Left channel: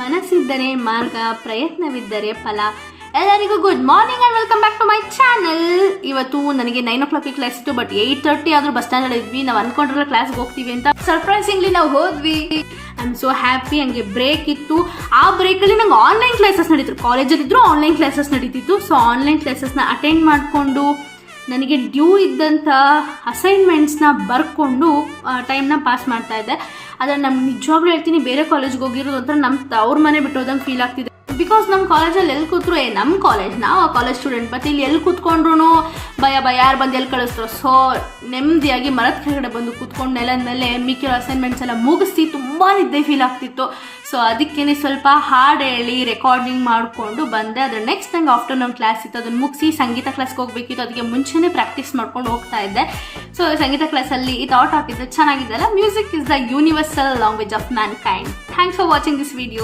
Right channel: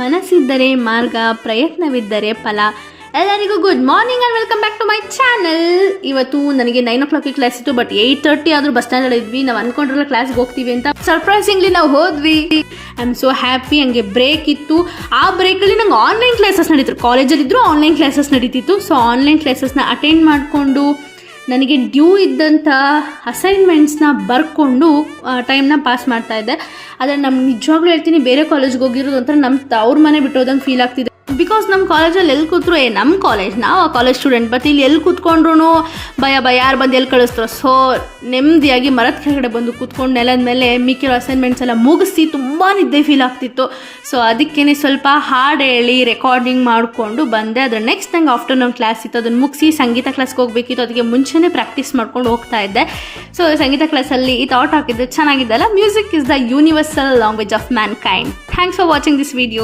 ಮನಸ್ಸಿದ್ದರೆ ಮಾರ್ಗ, ಪ್ರಯತ್ನವಿದ್ದರೆ ಫಲ. ಎಲ್ಲರಿಗೂ good morning and welcome back to my channel. ಇವತ್ತು ನನಗೆ 9 o'clock ಕ್ಲಾಸ್ ಇತ್ತು, ಬಟ್ 8:30 ಆದರೂ ಬಸ್ ಸ್ಟ್ಯಾಂಡಲ್ಲಿ ಇದ್ವಿ. ನಾವು ಅನ್ಕೊಂಡ್ರಲ್ಲ ಕ್ಲಾಸ್ಗೆ ಹೋಗ್ತೀವಿ ಅಂತ. ಸರ್ಪ್ರೈಸಿಂಗ್ಲಿ ನಾವು ಹೋದ್ವಿ. I am so happy. ಹಂಗೆ ಬ್ರೇಕ್ ಇತ್ತು. ಆ ಬ್ರೇಕಲ್ಲಿ ನಂಗೆ ಆನ್ಲೈನ್ ಕ್ಲಾಸಸ್ ನಡೀತಿತ್ತು. ಕಾಲೇಜಲ್ಲಿದ್ದರೂ ಆನ್ಲೈನ್ ಕ್ಲಾಸಸ್ ನಡೀತಿತ್ತು. ಸೊ ಆನ್ಲೈನ್ ಕ್ಲಾಸಸ್ನ ಅಟೆಂಡ್ ಮಾಡಿಕೊಂಡು ನನಗೆ ಡ್ಯೂ ಇದ್ದಂಥ ಅಸೈನ್ಮೆಂಟ್ಸ್ನ ಬರ್ಕೊಂಡು ಟೈಮ್ನ ಪಾಸ್ ಮಾಡ್ತಾಯಿದ್ದೆ. ಆದರೆ ನಮ್ಮ ನಿಜವಾಗ್ಲೂ ಹೇಳ್ತೀನಿ, ಬೇರೆ ಕಾಲೇಜ್ಗೆ ಹೋಗಿರೋದು ಒಂಥರ ನಮ್ಮ ಅವ್ರ ಮನೆ ಬಿಟ್ಟು ಹೋದಂಗೆ ಫೀಲ್ ಆಗ್ತಿದೆ. ಬಿಕಾಸ್ ನಮ್ಮ ಕಾಲೇಜಲ್ಲಿ ಎಲ್ಲಿ ಕೂತ್ರು ನಮ್ಮ ಕಾಲೇಜ್, ನಾವು ಕಾಲೇಜ್ ಸ್ಟೂಡೆಂಟ್, ಬಟ್ ಇಲ್ಲಿ ಎಲ್ಲಿ ಕೂತ್ಕೊಂಡ್ರು ಭಯ ಯಾರು ಬಂದು ಎಲ್ಲಿ ಕಳಿಸ್ತಾರೋ. ಸೊ ನೆಮ್ಮದಿಯಾಗಿ ಮರದ ಕೆಳಗಡೆ ಬಂದು ಕೂತ್ಕೊಂಡು ನೆಲದ ಮೇಲೆ ಮಿಕ್ಕಿರೋ ಅಸೈನ್ಮೆಂಟ್ಸ್ ಎಲ್ಲ ಮುಗಿಸಿ ತುಂಬ ನಿದ್ದೆ ಫೀಲ್ ಆಗ್ತಿತ್ತು. ಸೊ ಅದಕ್ಕೇ ಸ್ವಲ್ಪ ಹಾಡು ಹೇಳಿ ರೆಕಾರ್ಡಿಂಗ್ ಮಾಡಿಕೊಂಡು ಬಂದೆ. ಅದ್ರ ನೆಕ್ಸ್ಟ್ ನಂಗೆ ಆಫ್ಟರ್ನೂನ್ ಕ್ಲಾಸ್ ಇತ್ತು, ಅದನ್ನು ಮುಗಿಸಿ ಸಂಗೀತ ಕ್ಲಾಸ್ಗೆ ಹೋಗಬೇಕಿತ್ತು. ಅದಕ್ಕೆ ಮುಂಚೆನೇ ಪ್ರಾಕ್ಟೀಸ್ ಮಾಡ್ಕೊಂಡು ಹೋಗ್ತಾ ಇದ್ದೆ. ಸೊ ಸಂಗೀತ ಕ್ಲಾಸಲ್ಲಿ ಈ ಥಾಟ್ ಹಾಕಿದ್ದೆ, ಚೆನ್ನಾಗಿದ್ದಲ್ಲ. Music is the universal language of mankind. Thanks for watching this video.